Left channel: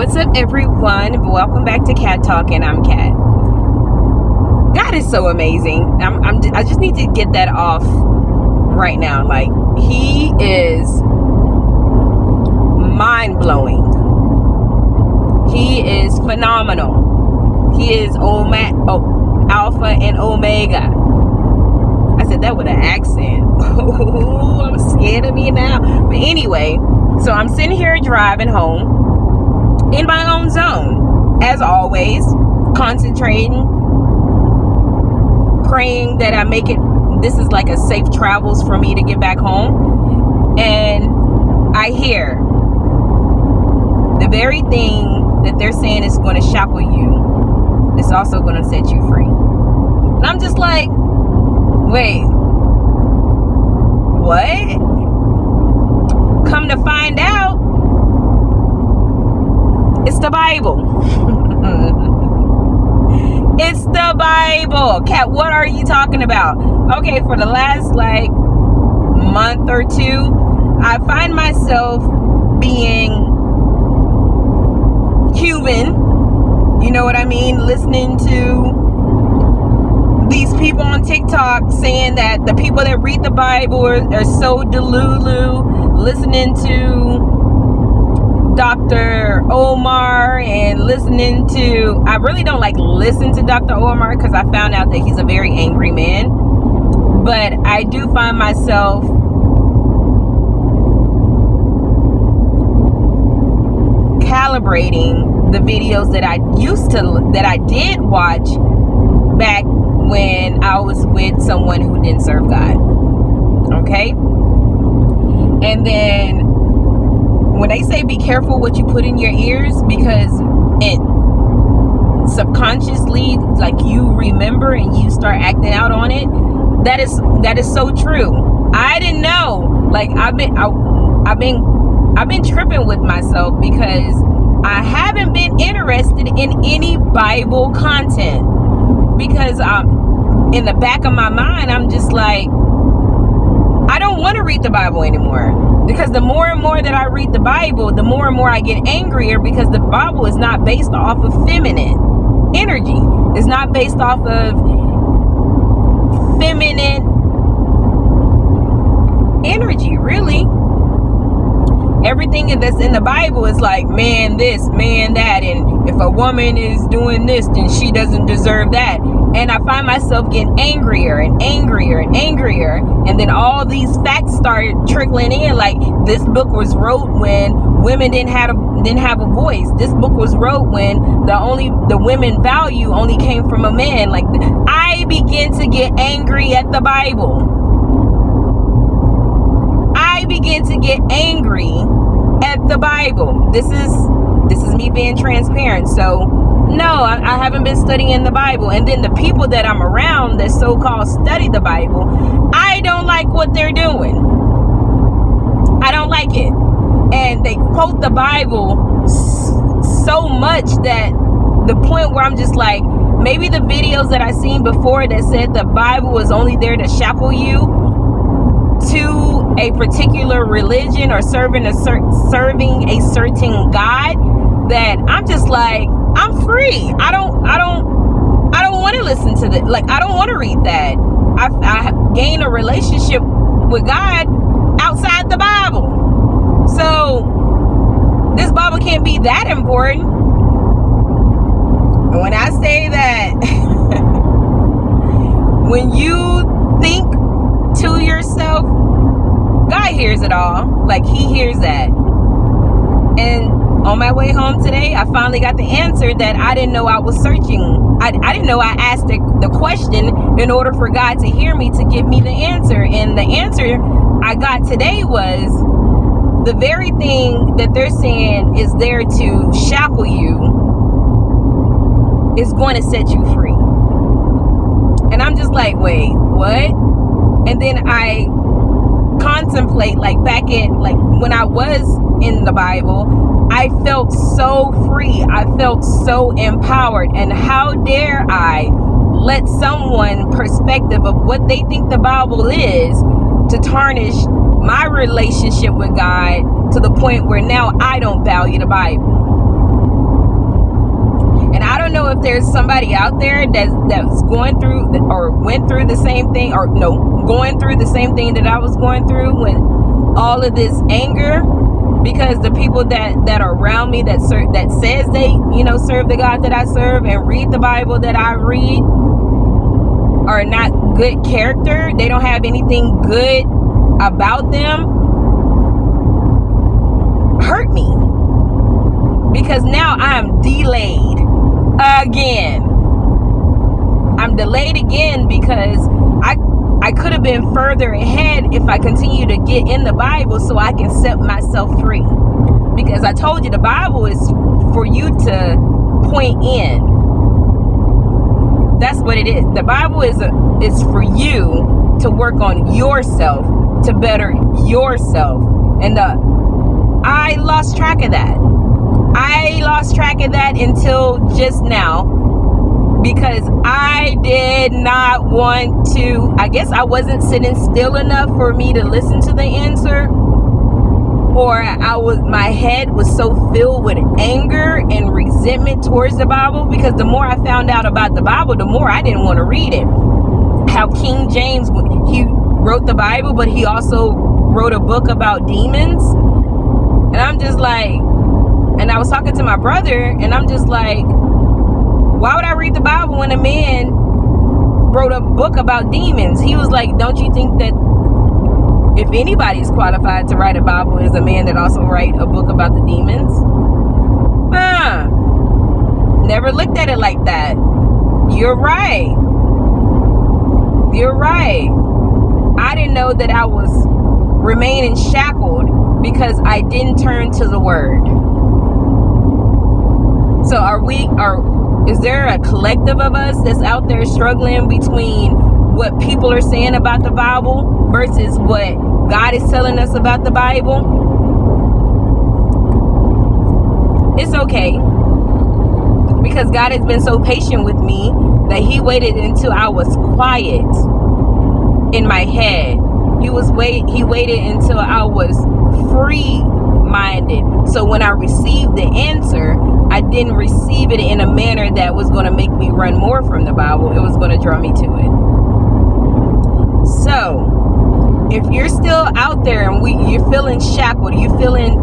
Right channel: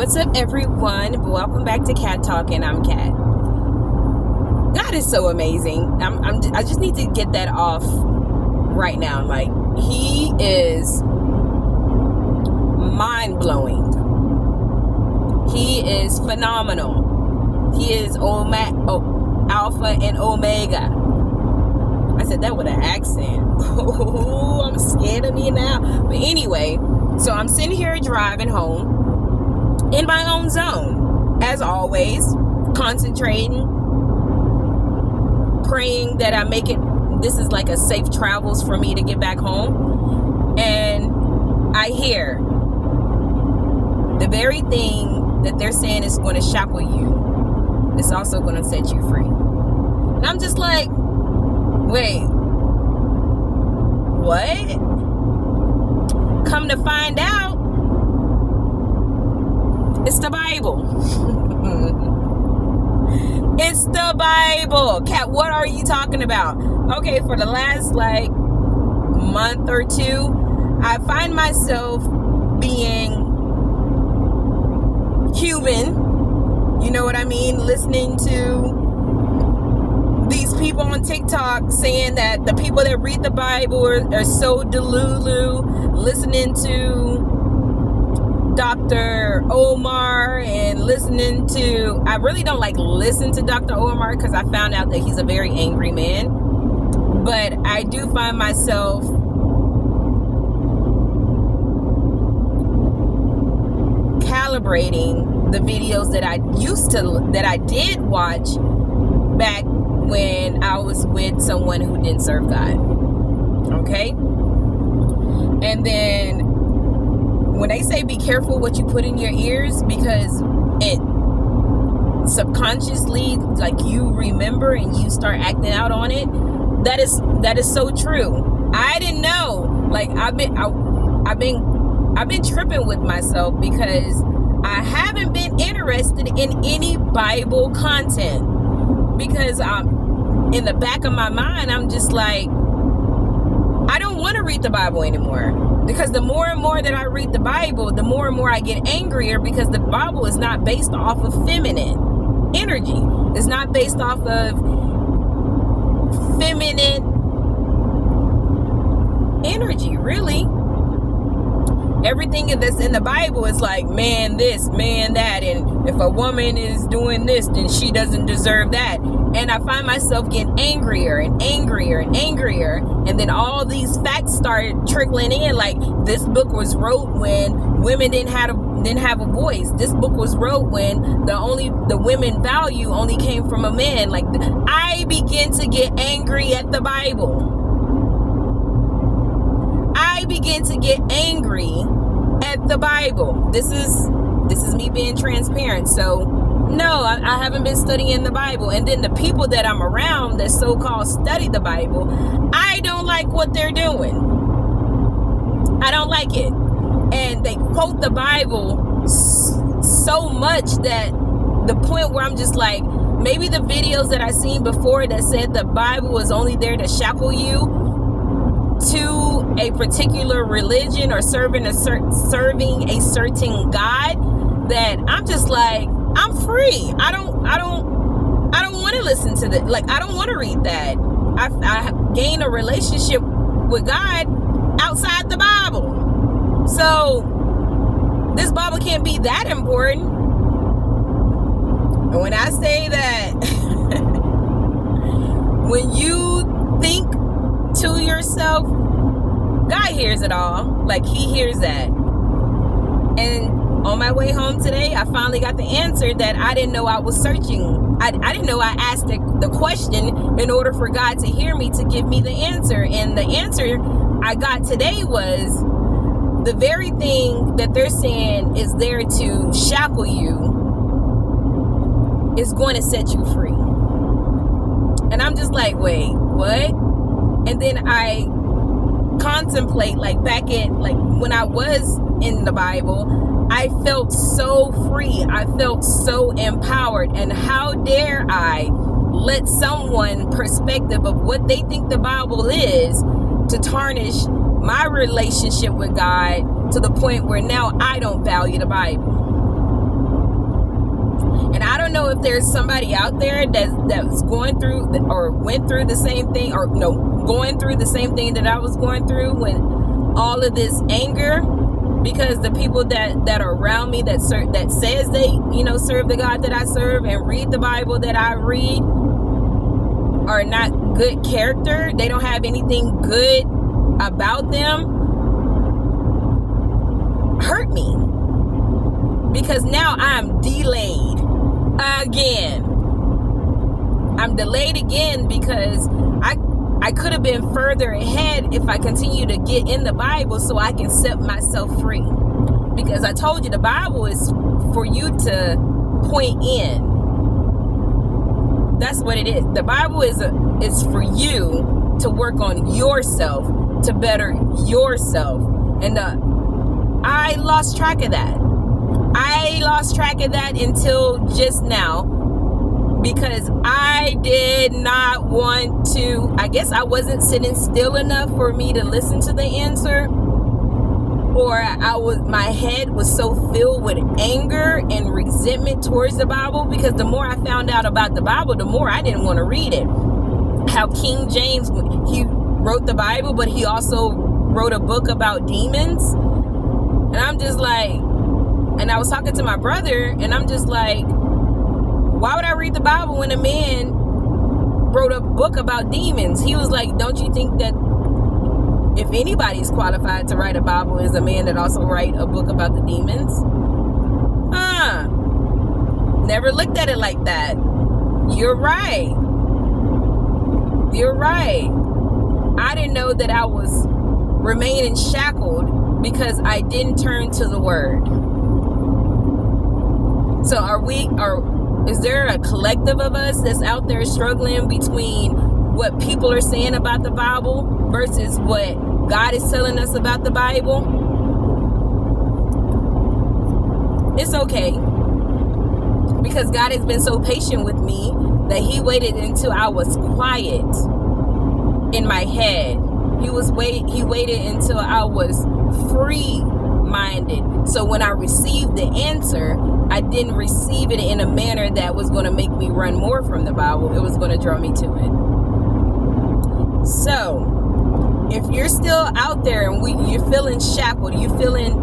What's up, everyone? Welcome back to Cat Talk, and I'm Cat. God is so amazing. I just need to get that off right now. Like, He is mind-blowing. He is phenomenal. He is Alpha and Omega. I said that with an accent. Oh, I'm scared of me now. But anyway, so I'm sitting here driving home in my own zone, as always, concentrating, praying that I make it. This is like a safe travels for me to get back home. And I hear the very thing that they're saying is going to shackle you is also going to set you free. And I'm just like, wait, what? Come to find out, it's the Bible. It's the Bible. Kat, what are you talking about? Okay, for the last month or two, I find myself being human. You know what I mean? Listening to these people on TikTok saying that the people that read the Bible are so delulu. Listening to Dr. Omar and listening to, I really don't listen to Dr. Omar because I found out that he's a very angry man. But I do find myself calibrating the videos that I did watch back when I was with someone who didn't serve God. Okay? And then when they say be careful what you put in your ears, because it subconsciously, you remember and you start acting out on it, that is so true. I didn't know. I've been tripping with myself because I haven't been interested in any Bible content, because in the back of my mind, I'm just like, I don't want to read the Bible anymore. Because the more and more that I read the Bible, the more and more I get angrier, because the Bible is not based off of feminine energy. It's not based off of feminine energy, really. Everything that's in the Bible is like, man this, man that, and if a woman is doing this, then she doesn't deserve that. And I find myself getting angrier and angrier and angrier. And then all these facts started trickling in. Like, this book was wrote when women didn't have a voice. This book was wrote when the women value only came from a man. I begin to get angry at the Bible. I begin to get angry at the Bible. This is me being transparent. So no, I haven't been studying the Bible. And then the people that I'm around that so-called study the Bible, I don't like what they're doing. I don't like it. And they quote the Bible so much that the point where I'm just like, maybe the videos that I seen before that said the Bible was only there to shackle you to a particular religion or serving a certain God, that I'm just like, I'm free. I don't want to listen to that. I don't want to read that. I gain a relationship with God outside the Bible. So this Bible can't be that important. And when I say that, when you think to yourself, God hears it all. He hears that. And on my way home today, I finally got the answer that I didn't know I was searching. I didn't know I asked the question in order for God to hear me, to give me the answer. And the answer I got today was, the very thing that they're saying is there to shackle you is going to set you free. And I'm just like, wait, what? And then I contemplate, back in, when I was in the Bible, I felt so free. I felt so empowered. And how dare I let someone perspective of what they think the Bible is to tarnish my relationship with God to the point where now I don't value the Bible. out there that's going through or went through the same thing, or no, going through the same thing that I was going through when all of this anger, because the people that are around me that says they, serve the God that I serve and read the Bible that I read are not good character. They don't have anything good about them. Hurt me. Because now I'm delayed again. I'm delayed again because I could have been further ahead if I continue to get in the Bible so I can set myself free. Because I told you the Bible is for you to point in. That's what it is. The Bible is for you to work on yourself, to better yourself. And I lost track of that. I lost track of that until just now, because I did not want to, I guess I wasn't sitting still enough for me to listen to the answer, or my head was so filled with anger and resentment towards the Bible, because the more I found out about the Bible, the more I didn't want to read it. How King James, he wrote the Bible, but he also wrote a book about demons. And I'm just like, and I was talking to my brother, and I'm just like, why would I read the Bible when a man wrote a book about demons? He was like, don't you think that if anybody's qualified to write a Bible is a man that also write a book about the demons? Never looked at it like that. You're right. You're right. I didn't know that I was remaining shackled because I didn't turn to the word. So is there a collective of us that's out there struggling between what people are saying about the Bible versus what God is telling us about the Bible? It's okay, because God has been so patient with me that he waited until I was quiet in my head. He waited until I was free-minded. So when I received the answer, I didn't receive it in a manner that was going to make me run more from the Bible. It was going to draw me to it. So, if you're still out there and you're feeling shackled, you're feeling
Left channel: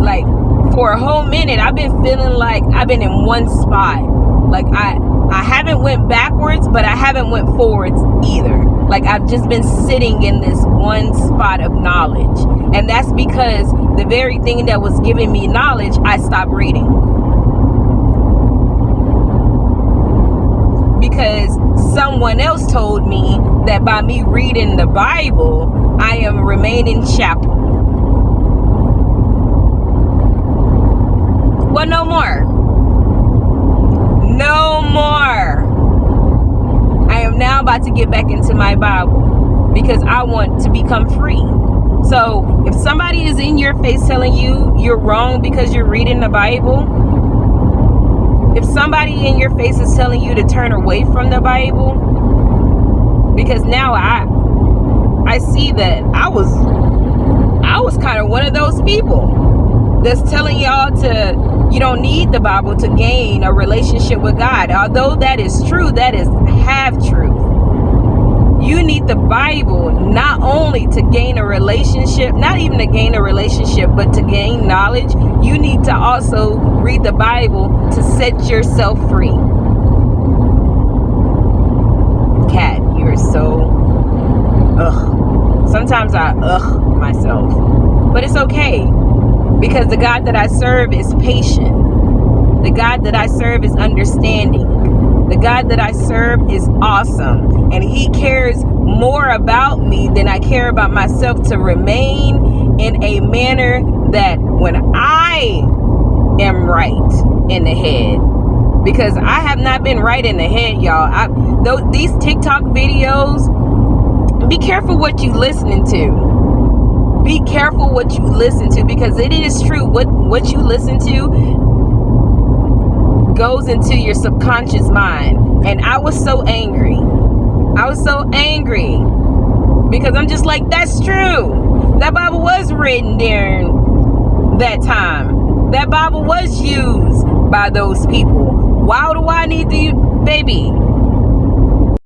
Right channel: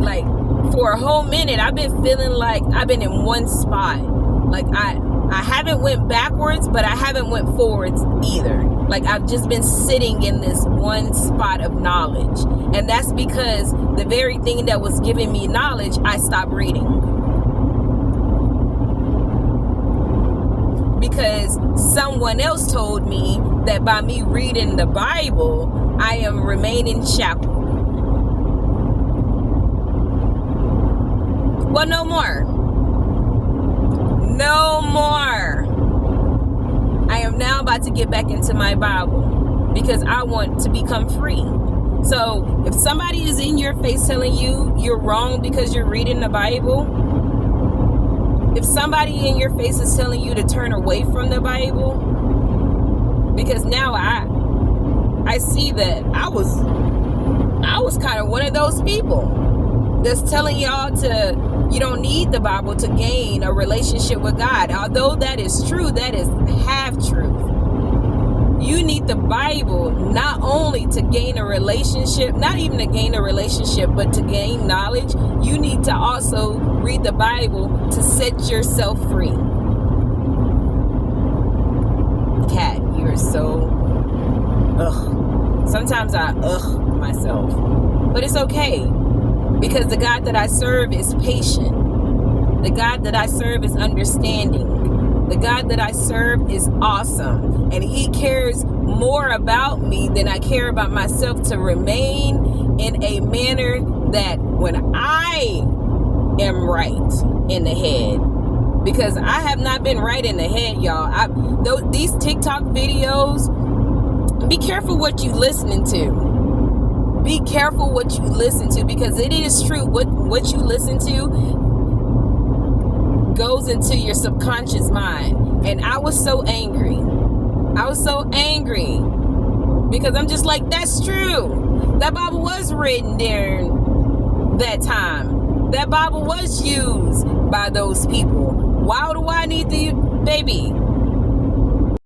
like, for a whole minute, I've been feeling like I've been in one spot. Like I haven't went backwards, but I haven't went forwards either. Like I've just been sitting in this one spot of knowledge. And that's because the very thing that was giving me knowledge, I stopped reading. Because someone else told me that by me reading the Bible, I am remaining shackled. Well, no more. No more. I am now about to get back into my Bible because I want to become free. So if somebody is in your face telling you you're wrong because you're reading the Bible, if somebody in your face is telling you to turn away from the Bible, because now I see that I was kind of one of those people that's telling y'all you don't need the Bible to gain a relationship with God. Although that is true, that is half truth. You need the Bible not only to gain a relationship, not even to gain a relationship, but to gain knowledge. You need to also read the Bible to set yourself free. Cat, you're so sometimes I myself, but it's okay, because the God that I serve is patient. The God that I serve is understanding. The God that I serve is awesome, and he cares more about me than I care about myself, to remain in a manner that when I am right in the head, because I have not been right in the head, y'all. These TikTok videos, be careful what you listening to. Be careful what you listen to, because it is true. What you listen to goes into your subconscious mind. And I was so angry. Because I'm just like, that's true. That Bible was written during that time. That Bible was used by those people. Why do I need to, baby?